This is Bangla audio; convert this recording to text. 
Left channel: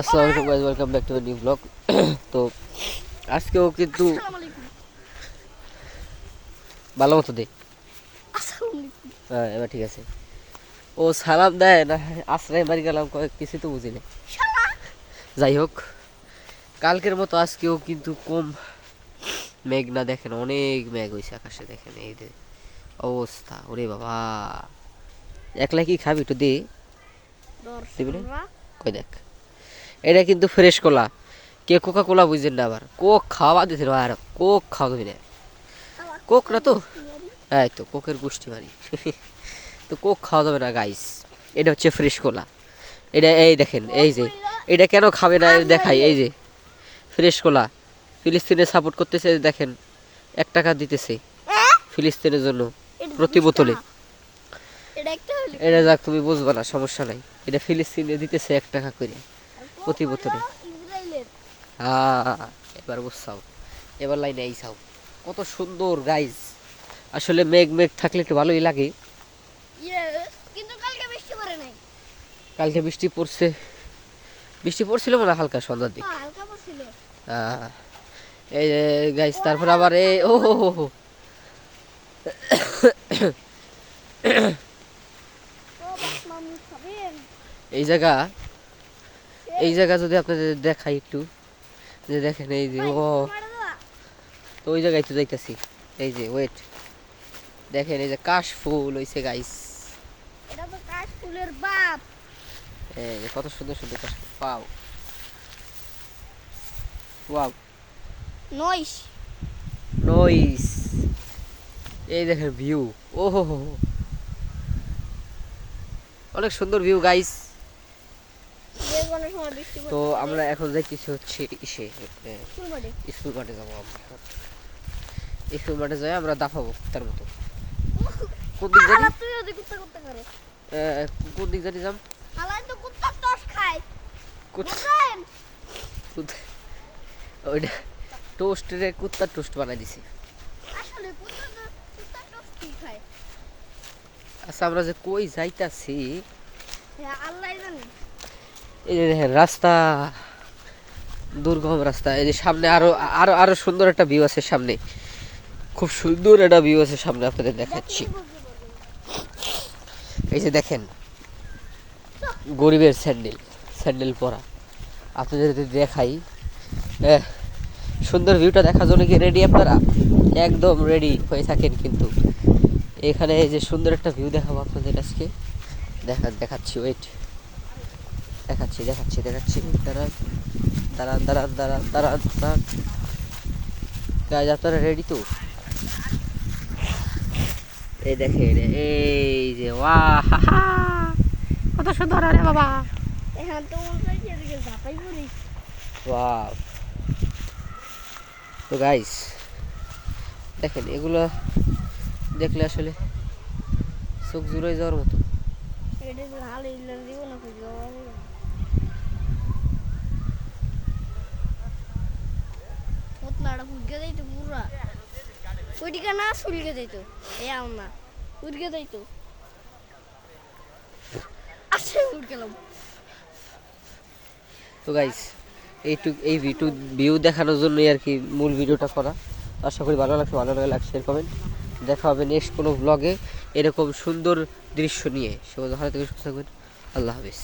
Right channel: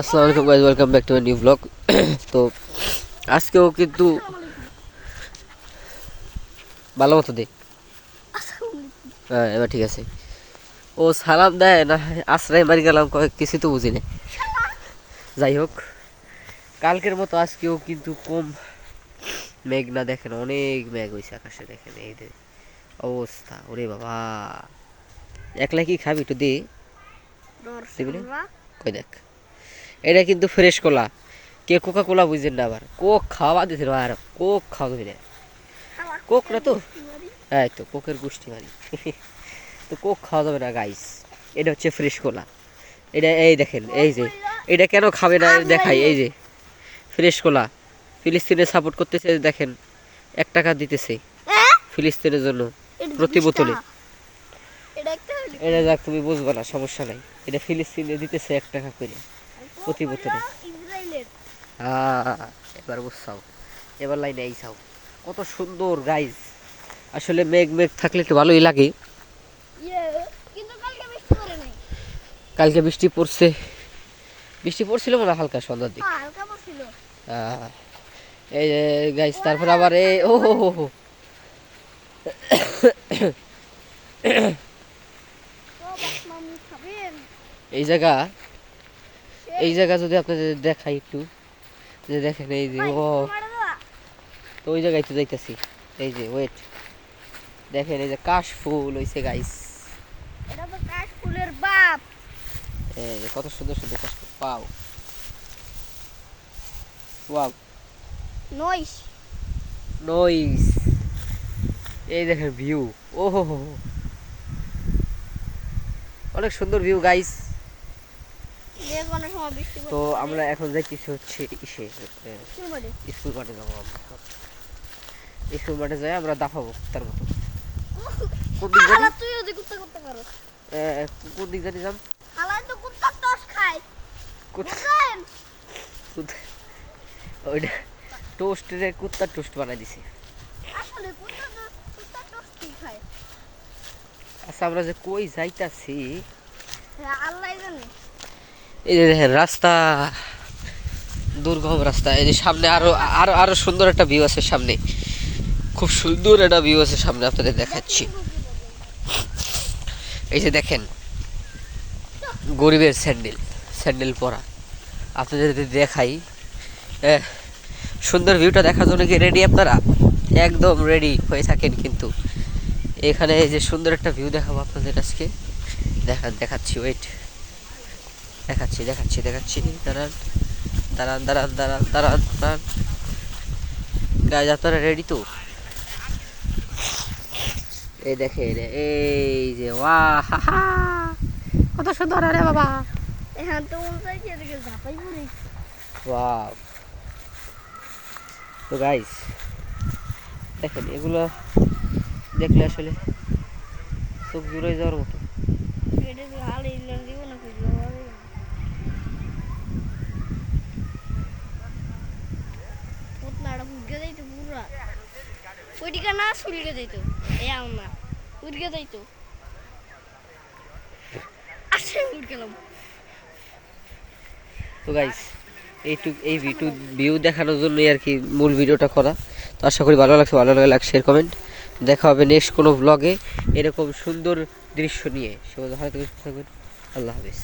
আসসালামু আলাইকুম guys, welcome back to my new blog. তো আজকেও কিন্তু ভালো মতো দে। হ্যাঁ, এবার ঠিক আছে। ও সালাম দেয় না আশ্রয় মারি গেলাম, কিছু তো বুঝি না। যাই হোক, কালকের মতো আজকেও কিন্তু কম মেঘ না, দেখেন অনেক মেঘ হয়েছে আকাশে। দেখেন এই যে অবস্থা, ওরে বাবা। একলা কি খাবি একটু দে, দিবি না? কই দেখ, এটা কিন্তু ফ্রেশ কলা। কে কোকা কোলা বুঝছেন না, আবার কোক খাওয়া দিতে আর কোক খাওয়া দিবি না। কোক না তো, হ্যাঁ তো কোকের গোষ্ঠী মারি। তো কোক খাওয়া যাবে না গাইস, এটা হচ্ছে ফ্রেশ কোলা। এটা এই দেখেন, এই যে এটা কেন খাবে না দেখাই। এই যে ফ্রেশ কোলা, ফিলিস্তিনে সাপোর্ট করতেছে, দেখেন 1 টাকা দিতেছে ফিলিস্তিনের জন্য প্রতি বোতলে। এটা যাক, তুমি বুঝবা না, সমস্যা নাই। এটা ফিলিস্তিনে দিতেছে 1 টাকা করে প্রতি বোতলে। হ্যাঁ, এবার বুঝছাও, এবার লাইনে আইসাও। কত সুন্দর গাইস। আসলে মেঘ মেঘ থাকলে একটু ভালোই লাগে। কালকে বৃষ্টি পড়ছে, বৃষ্টি পড়ছিল মনে হয় হালকা সন্ধ্যার দিক। এই যে গাইস, তারপর আবার ও হো হো হো। এই জায়গা, এই জায়গা যদি আপনাদের দেখাই একটু, যে দেখেন এই যে ও, তো ওই জায়গায় তো যাইতেছি। এই যে ওয়েট, দেখেন এই যে কাশ ফুল হইছে গাইস। এটা তো কাশ ফুলের বাপ। এই যে কত সুন্দর সুন্দর কাশ ফুল, পাও ওয়াও, নইস নইস। এই দেখেন ভিউ, ও হো হো, অনেক সুন্দর ভিউ গাইস। যে কোনো সময় বৃষ্টি তো আমরা এখন যাইতেছি হচ্ছে ইসে স্কুল মাঠে যাবো। আমরা স্কুল মাঠে যাই, আমরা দাফাবো তার মতো। কোন দিক জানি, তুই ওদিক করতে পারো। কোন দিক জানি যাম। আলাই তো কুত্তা টস খায়। ওইটা টোস্টে কুত্তার টোস্ট বানাই দিছি। আসলে কুত্তা টস কি খায়? আচ্ছা, আমরা যে কই যাইতাছি আল্লাহই জানে। এই যে দেখেন রাস্তা, দুর্গম রাস্তা। এই যে সামনে আরো আরো আরো সুন্দর একটা ভিউ আছে সামনে, খুব সুন্দর একটা ভিউ আছে সামনে, আপনাদের দেখাচ্ছি। এই যে দেখেন গরিবের স্যান্ডেল, স্যান্ডেল পরা। আপনাদের যদি দেখাই, সুন্দর ভিউটা দেখার জন্য কি রেডি আপনারা? একদম রেডি হয়ে থাকেন কিন্তু। এখানে এই যে সুন্দর একটা ভিউ দেখাবো আপনাদের আজকে। দেখাচ্ছি, ওয়েট, দেখাচ্ছি দেখাচ্ছি দেখাচ্ছি। দাঁড়ান দাঁড়ান দাঁড়ান দাঁড়ান দাঁড়ান দাঁড়ান গাইজ, আপনারা রেডি তো? এই দেখেন, এই যে ওয়াহ, কত সুন্দর আরে বাবা। এখান তো উল্টাই এদিকে ঝাপাই পড়ি। ওয়াও। তো গাইস দেখেন, এগুলো দেখলে আসলে চোখ জুড়ে যাওয়ার মতো। এটা তো হাল ইলার দিব না কই যাওয়া যাবে। পোতলাটা ফুটকে যাইতো পুরা। ওইদিকে না সুলকে যাইতো। আমার উড়কে যাইতো। আসে উড় গেলাম। তো গাইস এই ভিউ দেখানোর জন্যই আর কি মূল ভিডিওটা করা। তো আশা করি ভালো লাগছে, ভালো লাগলে লাইক শেয়ার কমেন্ট। দেখা হবে নেক্সট কোনো ব্লগে এরকম সুন্দর দৃশ্য নিয়ে। সবাই ভালো থাকবেন, সুস্থ থাকবেন। আল্লাহ হাফেজ।